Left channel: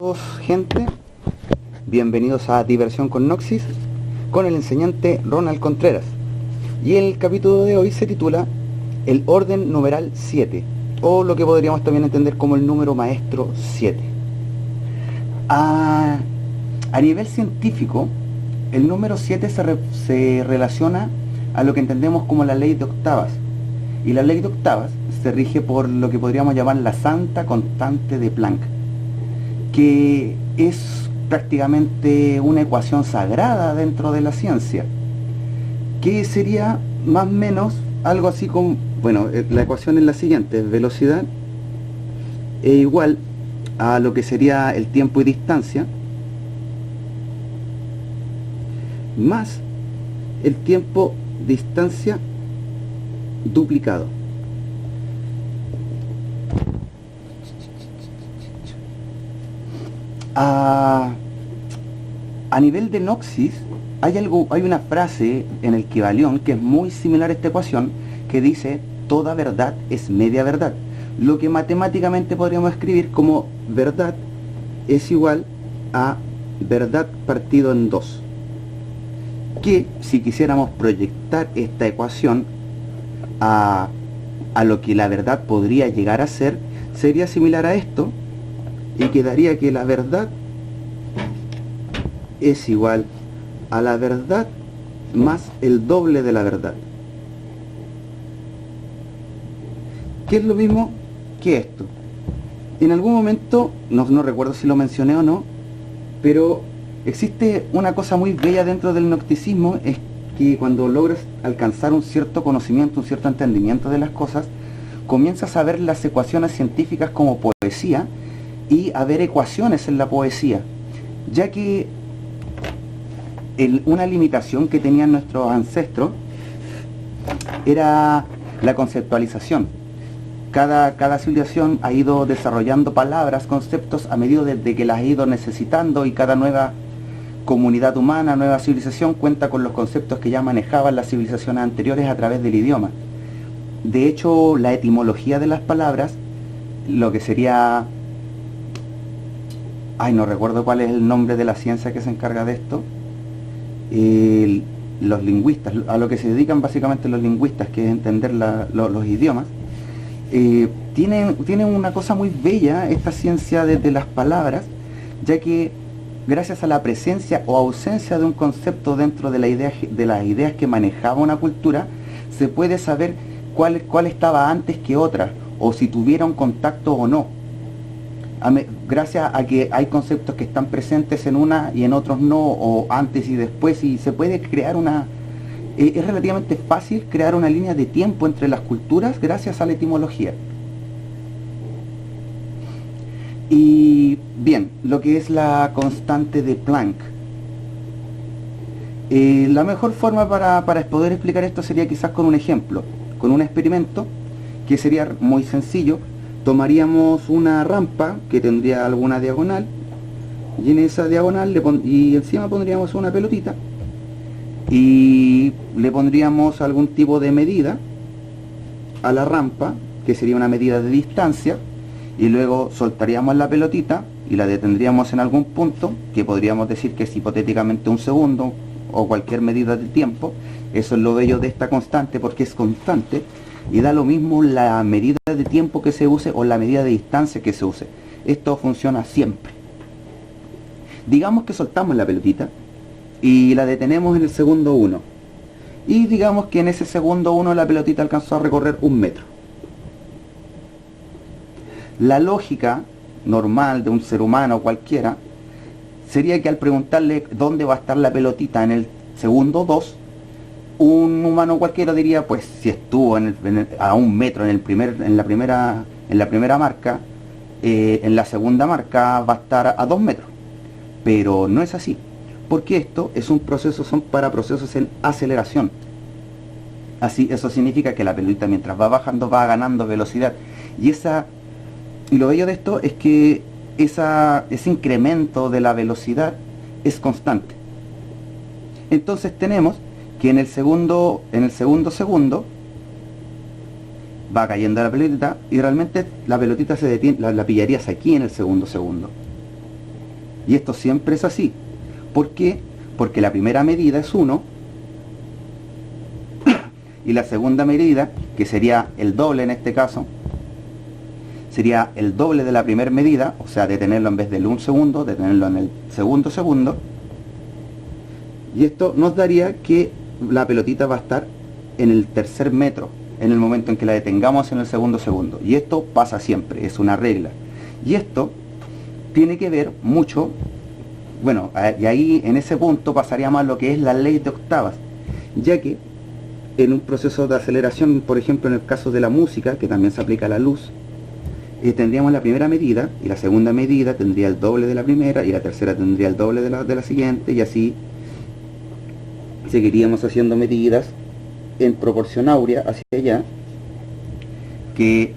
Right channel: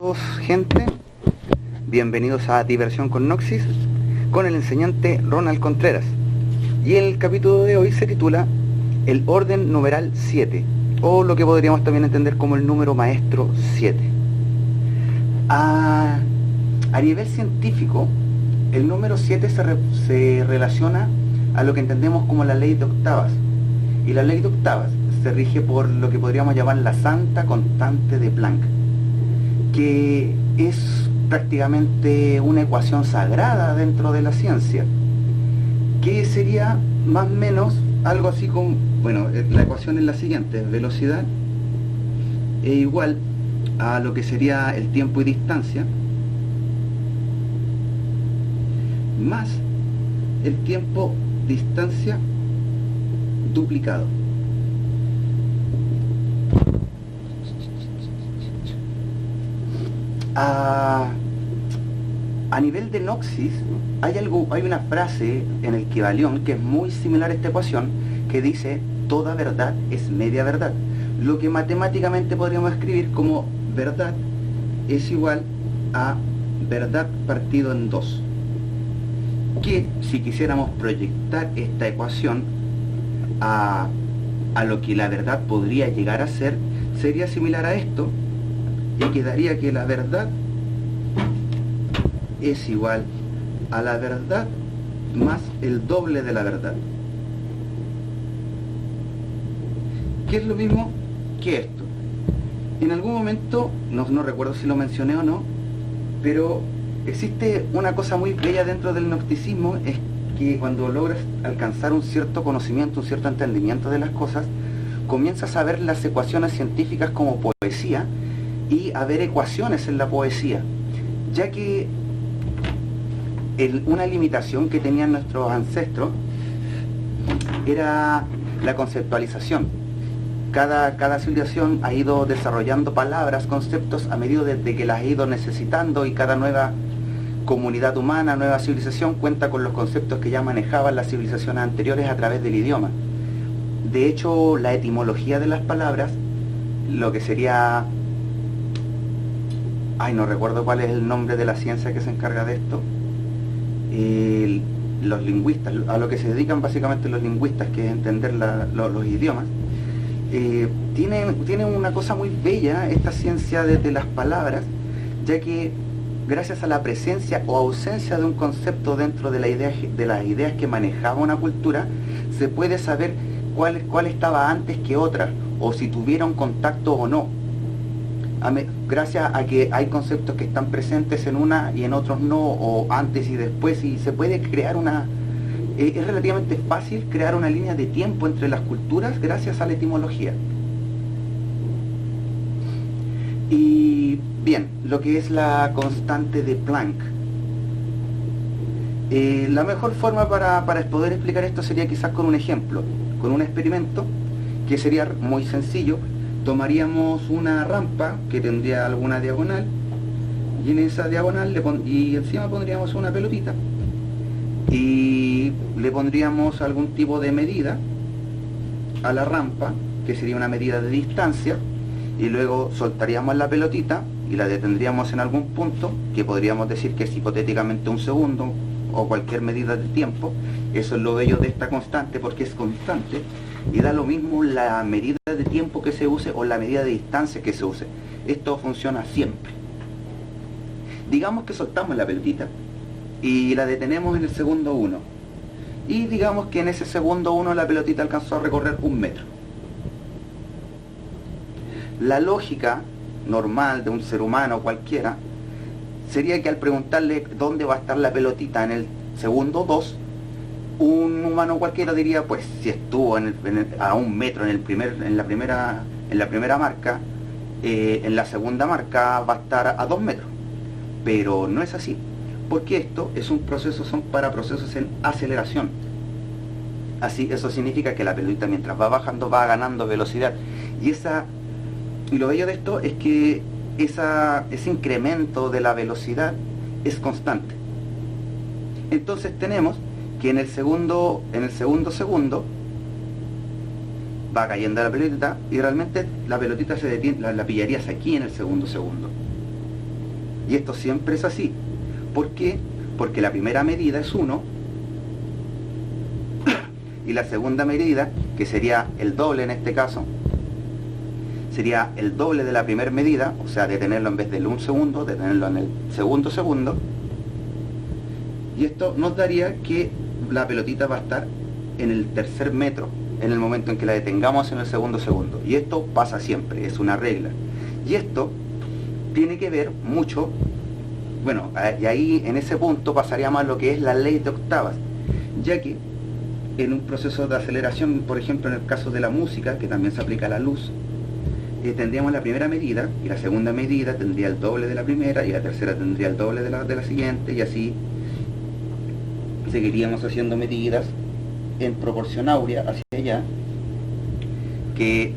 Todos, gente, bienvenidos a Diversión con Noxis, con el enseñante Ronald Contreras. Y el capítulo de hoy se titula El orden numeral 7, o lo que podríamos también entender como el número maestro 7. A nivel científico, el número 7 se relaciona a lo que entendemos como la ley de octavas. Y la ley de octavas se rige por lo que podríamos llamar la santa constante de Planck, que es prácticamente una ecuación sagrada dentro de la ciencia, que sería más o menos algo así como, bueno, la ecuación es la siguiente: velocidad es igual a lo que sería el tiempo y distancia, más el tiempo distancia duplicado. A nivel de Noxis hay una frase en el Kybalión que es muy similar a esta ecuación, que dice: toda verdad es media verdad, lo que matemáticamente podríamos escribir como verdad es igual a verdad partido en 2, que si quisiéramos proyectar esta ecuación a lo que la verdad podría llegar a ser, sería similar a esto, y quedaría que la verdad es igual a la verdad más el doble de la verdad, que es lo mismo que esto. En algún momento, no recuerdo si lo mencioné o no, pero existe una cosa muy bella dentro del gnosticismo, es que cuando logras alcanzar un cierto conocimiento, un cierto entendimiento de las cosas, comienzas a ver las ecuaciones científicas como poesía y a ver ecuaciones en la poesía, ya que una limitación que tenían nuestros ancestros era la conceptualización. Cada civilización ha ido desarrollando palabras, conceptos a medida de que las ha ido necesitando, y cada nueva comunidad humana, nueva civilización cuenta con los conceptos que ya manejaban las civilizaciones anteriores a través del idioma. De hecho, la etimología de las palabras, lo que sería... no recuerdo cuál es el nombre de la ciencia que se encarga de esto. Los lingüistas, a lo que se dedican básicamente los lingüistas, que es entender los idiomas, tienen una cosa muy bella esta ciencia de las palabras, ya que gracias a la presencia o ausencia de un concepto dentro de las ideas que manejaba una cultura, se puede saber cuál estaba antes que otra, o si tuvieron contacto o no, gracias a que hay conceptos que están presentes en una y en otros no, o antes y después, y se puede crear es relativamente fácil crear una línea de tiempo entre las culturas gracias a la etimología. Y bien, lo que es la constante de Planck, la mejor forma para poder explicar esto sería quizás con un ejemplo, con un experimento que sería muy sencillo. Tomaríamos una rampa que tendría alguna diagonal, y en esa diagonal y encima pondríamos una pelotita, y le pondríamos algún tipo de medida a la rampa, que sería una medida de distancia, y luego soltaríamos la pelotita y la detendríamos en algún punto, que podríamos decir que es hipotéticamente un segundo o cualquier medida de tiempo. Eso es lo bello de esta constante, porque es constante y da lo mismo la medida de tiempo que se use o la medida de distancia que se use. Esto funciona siempre. Digamos que soltamos la pelotita y la detenemos en el segundo 1, y digamos que en ese segundo 1 la pelotita alcanzó a recorrer 1 metro. La lógica normal de un ser humano cualquiera sería que al preguntarle dónde va a estar la pelotita en el segundo 2, un humano cualquiera diría: pues si estuvo a 1 metro en la primera marca, en la segunda marca va a estar a 2 metros. Pero no es así, porque esto es un proceso, son para procesos en aceleración. Eso significa que la pelotita, mientras va bajando, va ganando velocidad, y lo bello de esto es que ese incremento de la velocidad es constante. Entonces tenemos que en el segundo segundo va cayendo la pelotita, y realmente la pelotita se detiene, la pillarías aquí en el segundo segundo. Y esto siempre es así. ¿Por qué? Porque la primera medida es 1 y la segunda medida, que sería el doble en este caso, sería el doble de la primera medida, o sea, de tenerlo en vez del 1 segundo, de tenerlo en el segundo segundo. Y esto nos daría que la pelotita va a estar en el tercer metro, en el momento en que la detengamos en el segundo segundo. Y esto pasa siempre, es una regla. Y esto tiene que ver mucho, bueno, y ahí en ese punto pasaríamos a lo que es la ley de octavas, ya que en un proceso de aceleración, por ejemplo en el caso de la música, que también se aplica a la luz, tendríamos la primera medida, y la segunda medida tendría el doble de la primera, y la tercera tendría el doble de la siguiente, y así seguiríamos haciendo medidas en proporción áurea hacia allá, que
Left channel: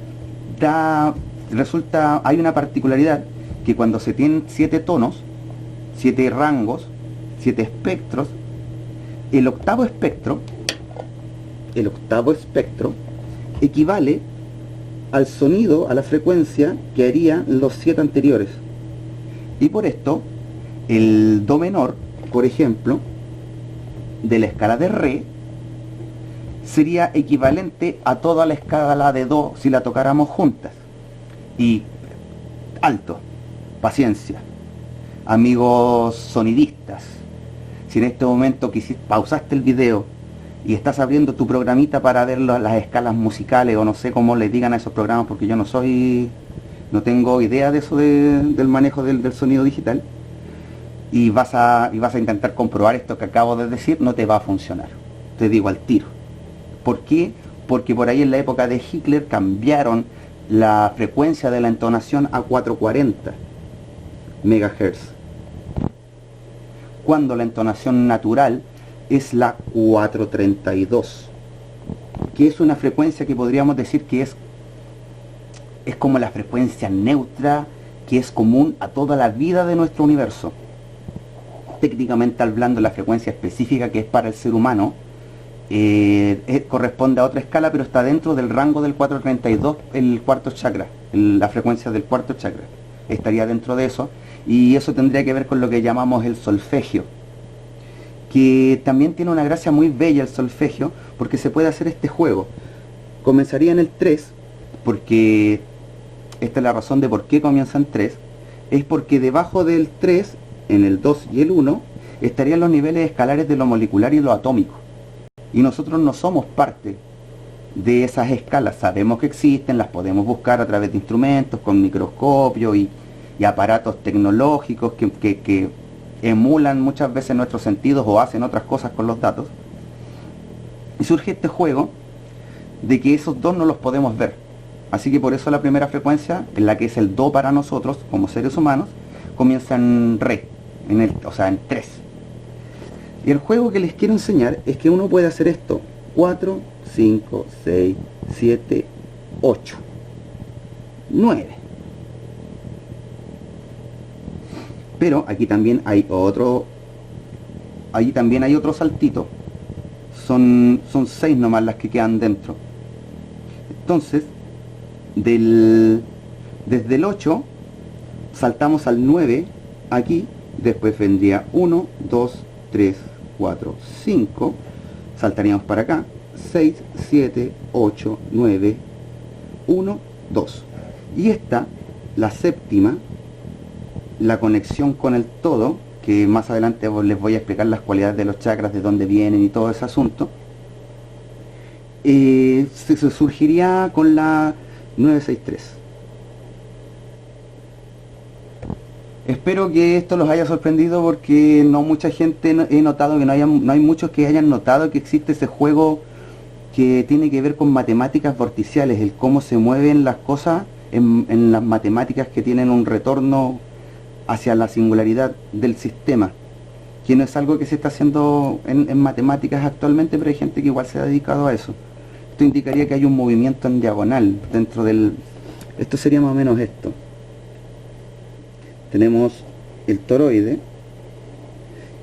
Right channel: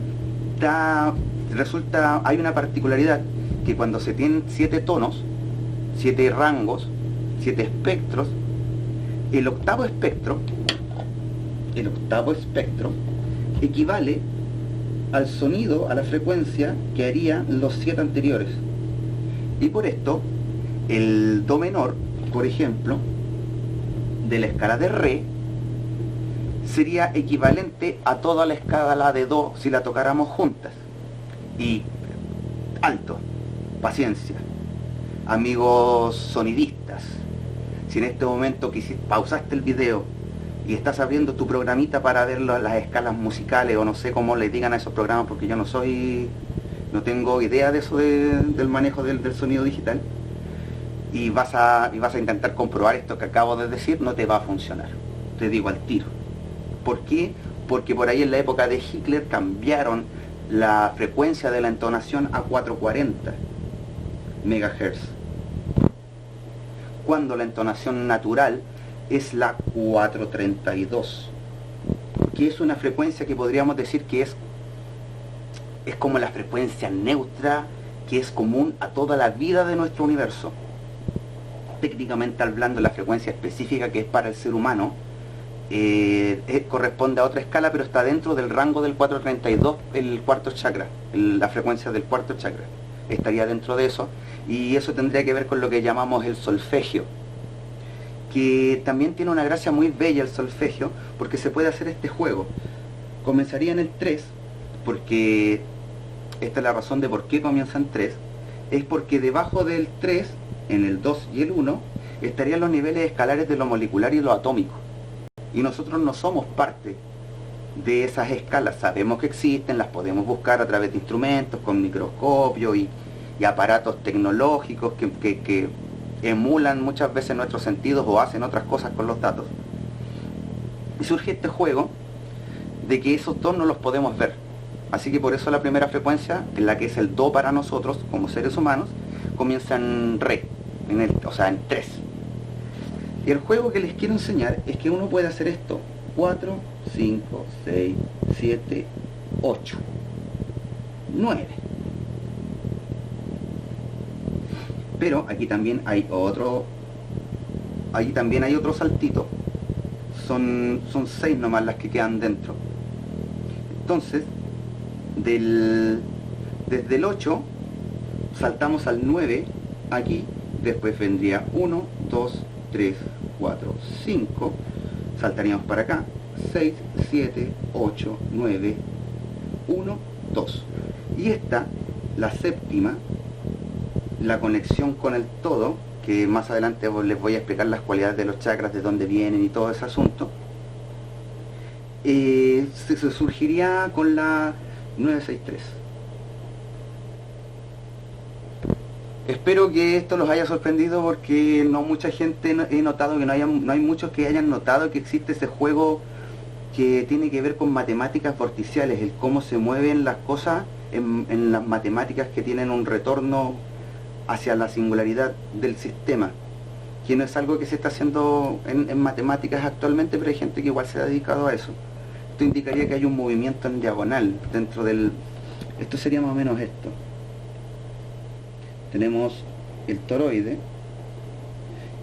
hay una particularidad, que cuando se tienen 7 tonos, 7 rangos, 7 espectros, el octavo espectro equivale al sonido, a la frecuencia que harían los 7 anteriores. Y por esto, el do menor, por ejemplo, de la escala de re, sería equivalente a toda la escala de do si la tocáramos juntas. Y alto, paciencia, amigos sonidistas, si en este momento pausaste el video y estás abriendo tu programita para ver las escalas musicales, o no sé cómo les digan a esos programas, porque yo no tengo idea de eso del manejo del sonido digital, y vas a intentar comprobar esto que acabo de decir, no te va a funcionar, te digo al tiro. ¿Por qué? Porque por ahí en la época de Hitler cambiaron la frecuencia de la entonación a 440 MHz, cuando la entonación natural es la 432, que es una frecuencia que podríamos decir que es como la frecuencia neutra, que es común a toda la vida de nuestro universo. Técnicamente hablando, la frecuencia específica que es para el ser humano corresponde a otra escala, pero está dentro del rango del 432, el cuarto chakra, la frecuencia del cuarto chakra estaría dentro de eso, y eso tendría que ver con lo que llamamos el solfegio, que también tiene una gracia muy bella el solfegio, porque se puede hacer este juego. Comenzaría en el 3, porque esta es la razón de por qué comienza en 3, es porque debajo del 3, en el 2 y el 1, estarían los niveles escalares de lo molecular y lo atómico. Y nosotros no somos parte de esas escalas, sabemos que existen, las podemos buscar a través de instrumentos, con microscopios y aparatos tecnológicos que emulan muchas veces nuestros sentidos o hacen otras cosas con los datos. Y surge este juego de que esos dos no los podemos ver. Así que por eso la primera frecuencia, en la que es el do para nosotros como seres humanos, comienza en re, o sea en 3. Y el juego que les quiero enseñar es que uno puede hacer esto: 4, 5, 6, 7, 8, 9. Pero aquí también hay otro saltito. Son 6 nomás las que quedan dentro. Entonces, desde el 8 saltamos al 9 aquí, después vendría 1, 2, 3, 4, 5, saltaríamos para acá, 6, 7, 8, 9, 1, 2. Y esta, la séptima, la conexión con el todo, que más adelante les voy a explicar las cualidades de los chakras, de dónde vienen y todo ese asunto, se surgiría con la 963. Espero que esto los haya sorprendido, porque no mucha gente he notado que no hay muchos que hayan notado que existe ese juego que tiene que ver con matemáticas vorticiales, el cómo se mueven las cosas en las matemáticas que tienen un retorno hacia la singularidad del sistema, que no es algo que se está haciendo en matemáticas actualmente, pero hay gente que igual se ha dedicado a eso. Esto indicaría que hay un movimiento en diagonal dentro del... Esto sería más o menos esto. Tenemos el toroide,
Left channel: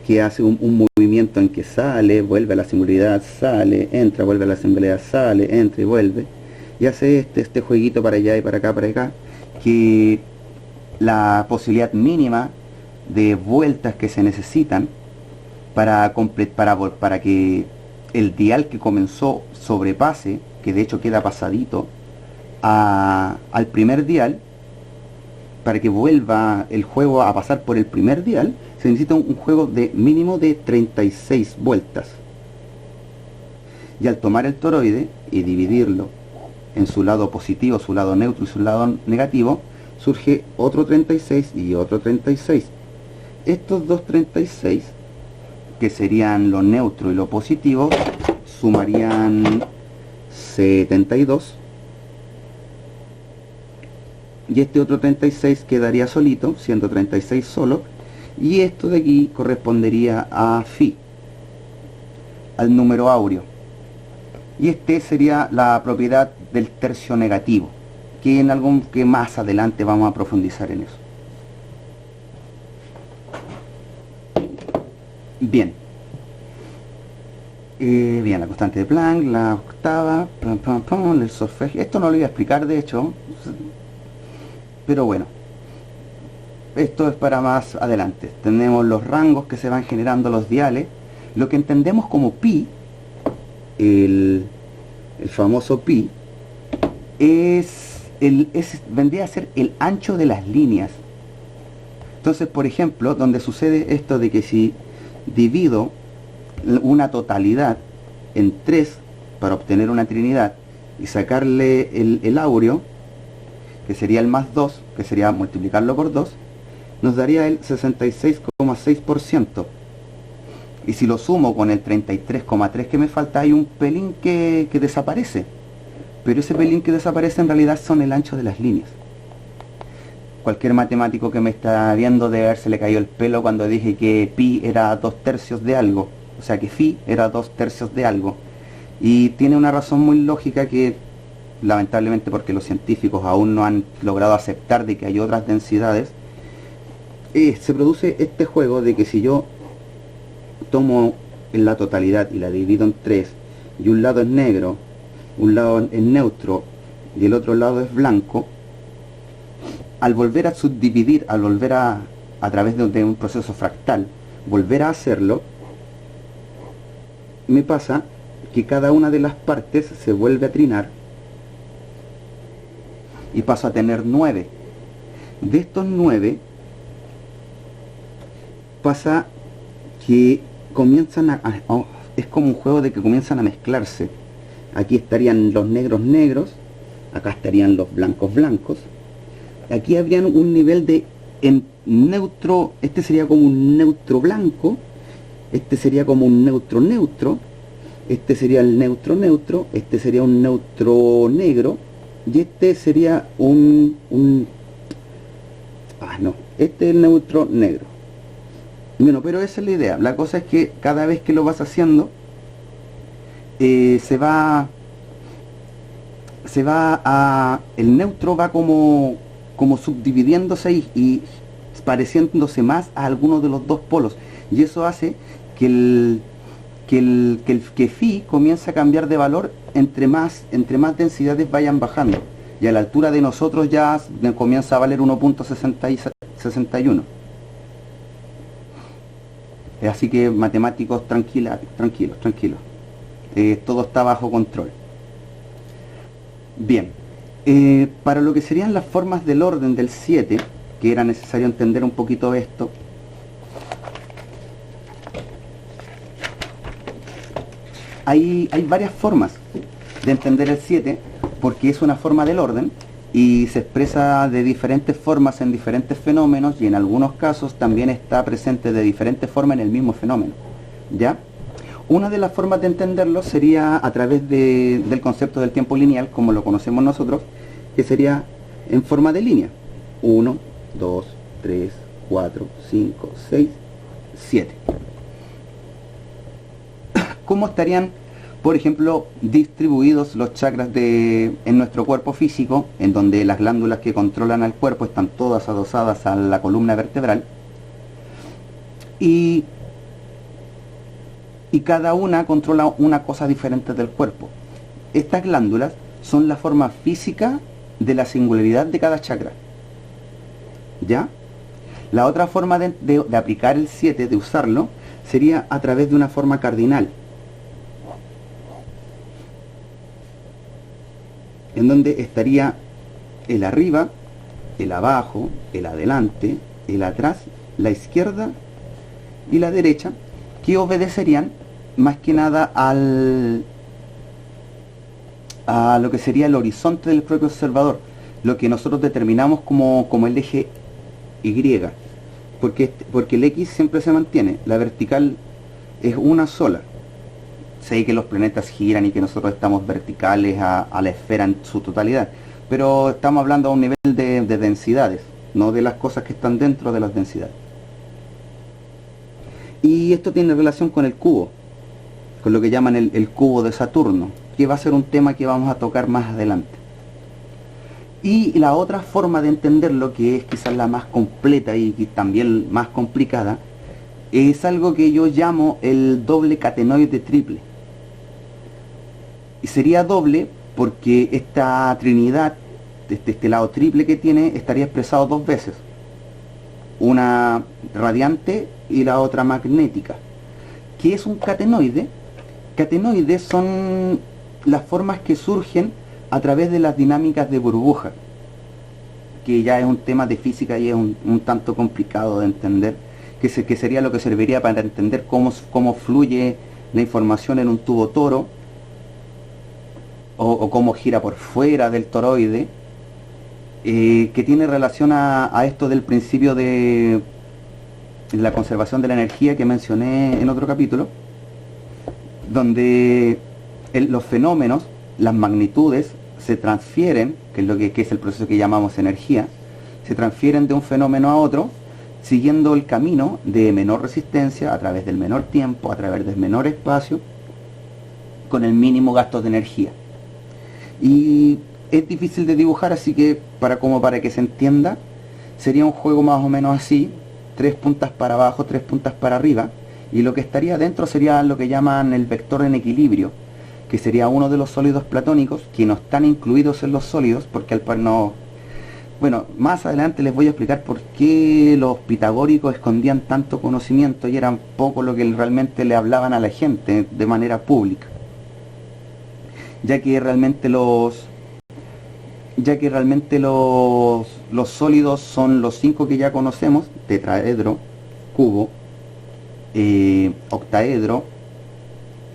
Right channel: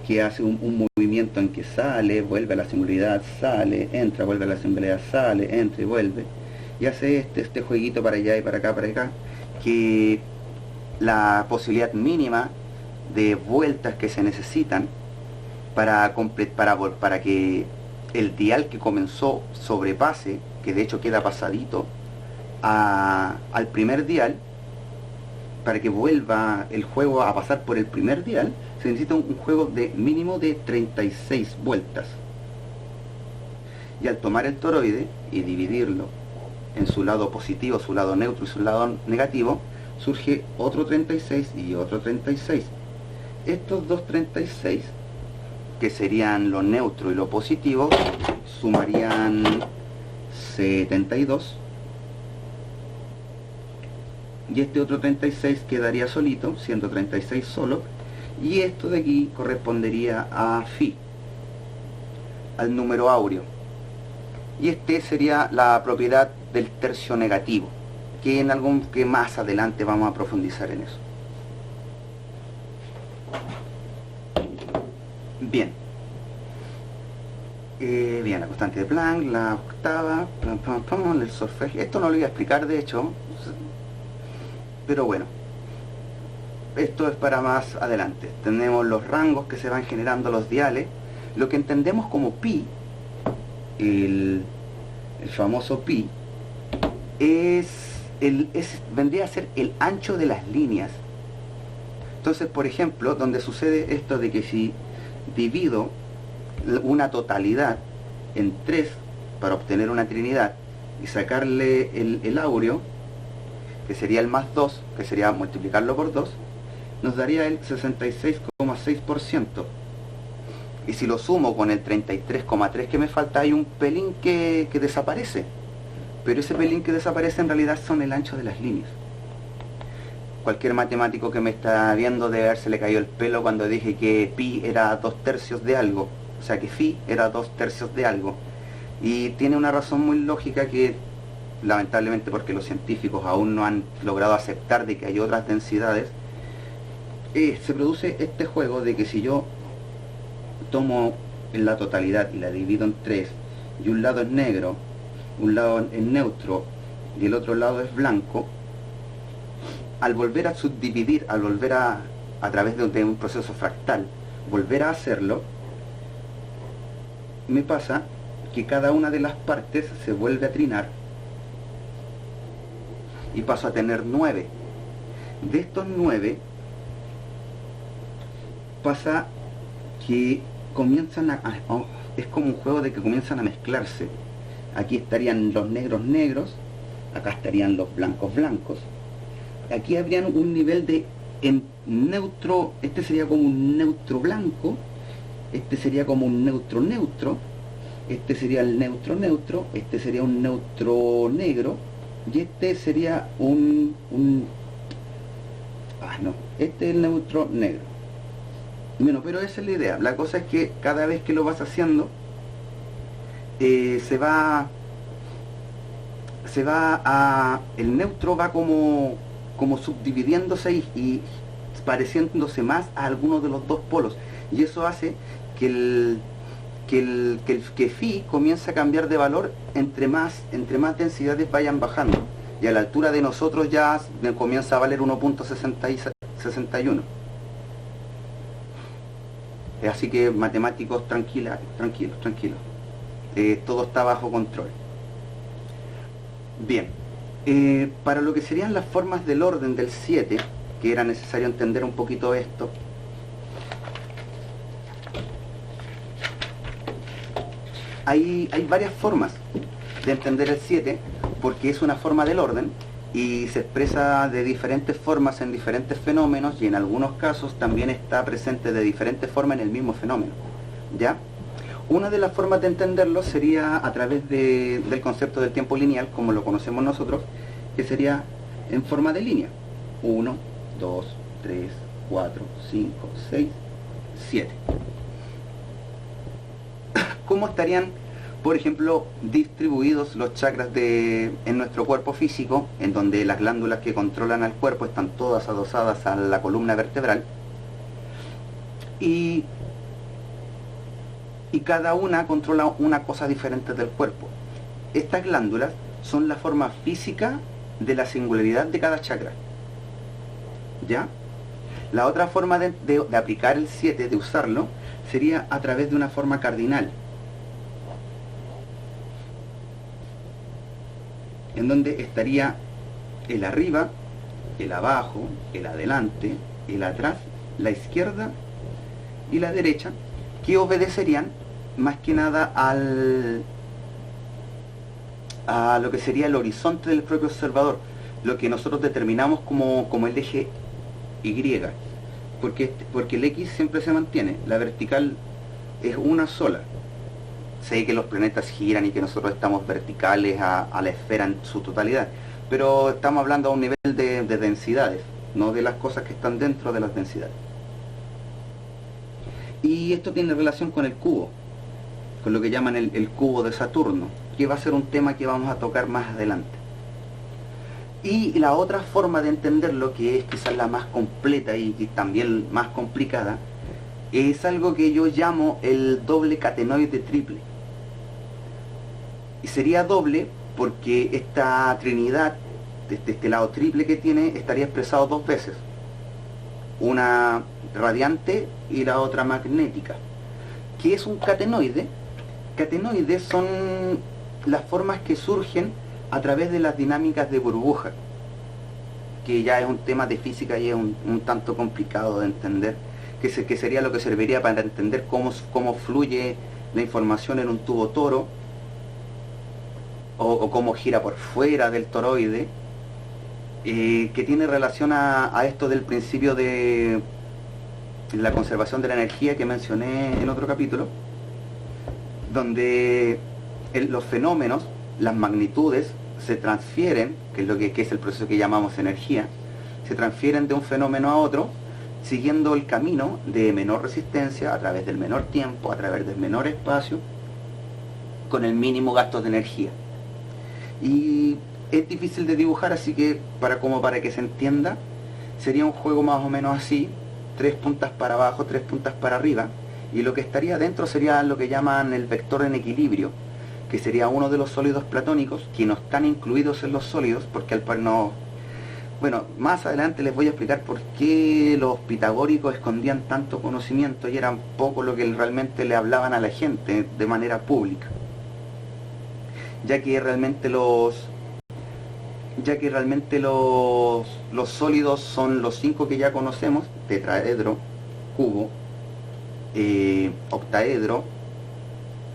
que hace un movimiento en que sale, vuelve a la singularidad, sale, entra, vuelve a la singularidad, sale, entra y vuelve, y hace este jueguito para allá y para acá, que la posibilidad mínima de vueltas que se necesitan para que el dial que comenzó sobrepase, que de hecho queda pasadito, al primer dial. Para que vuelva el juego a pasar por el primer dial, se necesita un juego de mínimo de 36 vueltas. Y al tomar el toroide y dividirlo en su lado positivo, su lado neutro y su lado negativo, surge otro 36 y otro 36. Estos dos 36, que serían lo neutro y lo positivo, sumarían 72. Y este otro 36 quedaría solito, siendo 36 solo. Y esto de aquí correspondería a Φ, al número áureo. Y este sería la propiedad del tercio negativo, que más adelante vamos a profundizar en eso. Bien. Bien, la constante de Planck, la octava, el solfegio. Esto no lo voy a explicar, de hecho, pero bueno, esto es para más adelante. Tenemos los rangos que se van generando los diales. Lo que entendemos como pi, el famoso pi, vendría a ser el ancho de las líneas. Entonces, por ejemplo, donde sucede esto de que si divido una totalidad en 3 para obtener una trinidad y sacarle el áureo, que sería el más 2, que sería multiplicarlo por 2, nos daría el 66,6%. Y si lo sumo con el 33,3 que me falta, hay un pelín que desaparece. Pero ese pelín que desaparece en realidad son el ancho de las líneas. Cualquier matemático que me está viendo debe haberse le cayó el pelo cuando dije que pi era 2/3 de algo. O sea que phi era 2/3 de algo. Y tiene una razón muy lógica que, lamentablemente porque los científicos aún no han logrado aceptar de que hay otras densidades, se produce este juego de que si yo tomo la totalidad y la divido en 3, y un lado es negro, un lado es neutro y el otro lado es blanco, al volver a subdividir, al volver a través de un proceso fractal, volver a hacerlo, me pasa que cada una de las partes se vuelve a trinar y paso a tener 9. De estos 9 pasa que comienzan es como un juego de que comienzan a mezclarse. Aquí estarían los negros negros, acá estarían los blancos blancos. Aquí habrían un nivel de neutro, este sería como un neutro blanco, este sería como un neutro neutro, este sería el neutro neutro, este sería un neutro negro, y este sería este es el neutro negro. Bueno, pero esa es la idea. La cosa es que cada vez que lo vas haciendo, el neutro va como subdividiéndose y pareciéndose más a alguno de los dos polos. Y eso hace que phi comienza a cambiar de valor entre más densidades vayan bajando. Y a la altura de nosotros ya comienza a valer 1.61. Así que matemáticos, tranquilos. Todo está bajo control. Bien, para lo que serían las formas del orden del 7, que era necesario entender un poquito esto, hay varias formas de entender el 7, porque es una forma del orden y se expresa de diferentes formas en diferentes fenómenos, y en algunos casos también está presente de diferentes formas en el mismo fenómeno, ¿ya? Una de las formas de entenderlo sería a través del concepto del tiempo lineal, como lo conocemos nosotros, que sería en forma de línea. 1, 2, 3, 4, 5, 6, 7. ¿Cómo estarían, por ejemplo, distribuidos los chakras en nuestro cuerpo físico, en donde las glándulas que controlan al cuerpo están todas adosadas a la columna vertebral? Y cada una controla una cosa diferente del cuerpo. Estas glándulas son la forma física de la singularidad de cada chakra, ¿ya? La otra forma de aplicar el 7, de usarlo, sería a través de una forma cardinal, en donde estaría el arriba, el abajo, el adelante, el atrás, la izquierda y la derecha, que obedecerían más que nada a lo que sería el horizonte del propio observador, lo que nosotros determinamos como el eje Y, porque el X siempre se mantiene, la vertical es una sola. Sé que los planetas giran y que nosotros estamos verticales a la esfera en su totalidad, pero estamos hablando a un nivel de densidades, no de las cosas que están dentro de las densidades. Y esto tiene relación con el cubo, con lo que llaman el cubo de Saturno, que va a ser un tema que vamos a tocar más adelante. Y la otra forma de entenderlo, que es quizás la más completa y también más complicada, es algo que yo llamo el doble catenoide triple. Y sería doble porque esta trinidad, este lado triple que tiene, estaría expresado dos veces. Una radiante y la otra magnética. ¿Qué es un catenoide? Catenoides son las formas que surgen a través de las dinámicas de burbuja, que ya es un tema de física y es un tanto complicado de entender, que sería lo que serviría para entender cómo fluye la información en un tubo toro, o cómo gira por fuera del toroide, que tiene relación a esto del principio de la conservación de la energía que mencioné en otro capítulo, donde los fenómenos, las magnitudes, se transfieren, que es el proceso que llamamos energía, se transfieren de un fenómeno a otro, siguiendo el camino de menor resistencia, a través del menor tiempo, a través del menor espacio, con el mínimo gasto de energía. Y es difícil de dibujar, así que para que se entienda, sería un juego más o menos así, 3 puntas para abajo, 3 puntas para arriba, y lo que estaría dentro sería lo que llaman el vector en equilibrio, que sería uno de los sólidos platónicos, que no están incluidos en los sólidos, porque al par no... Bueno, más adelante les voy a explicar por qué los pitagóricos escondían tanto conocimiento y eran poco lo que realmente le hablaban a la gente de manera pública, ya que realmente los sólidos son los 5 que ya conocemos: tetraedro, cubo, octaedro,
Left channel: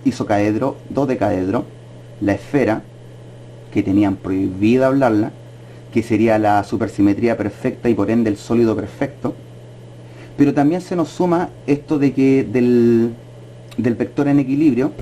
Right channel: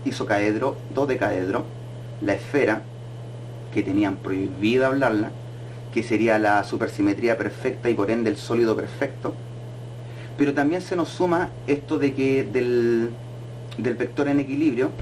isocaedro, dodecaedro, la esfera, que tenían prohibida hablarla, que sería la supersimetría perfecta y por ende el sólido perfecto. Pero también se nos suma esto de que del vector en equilibrio,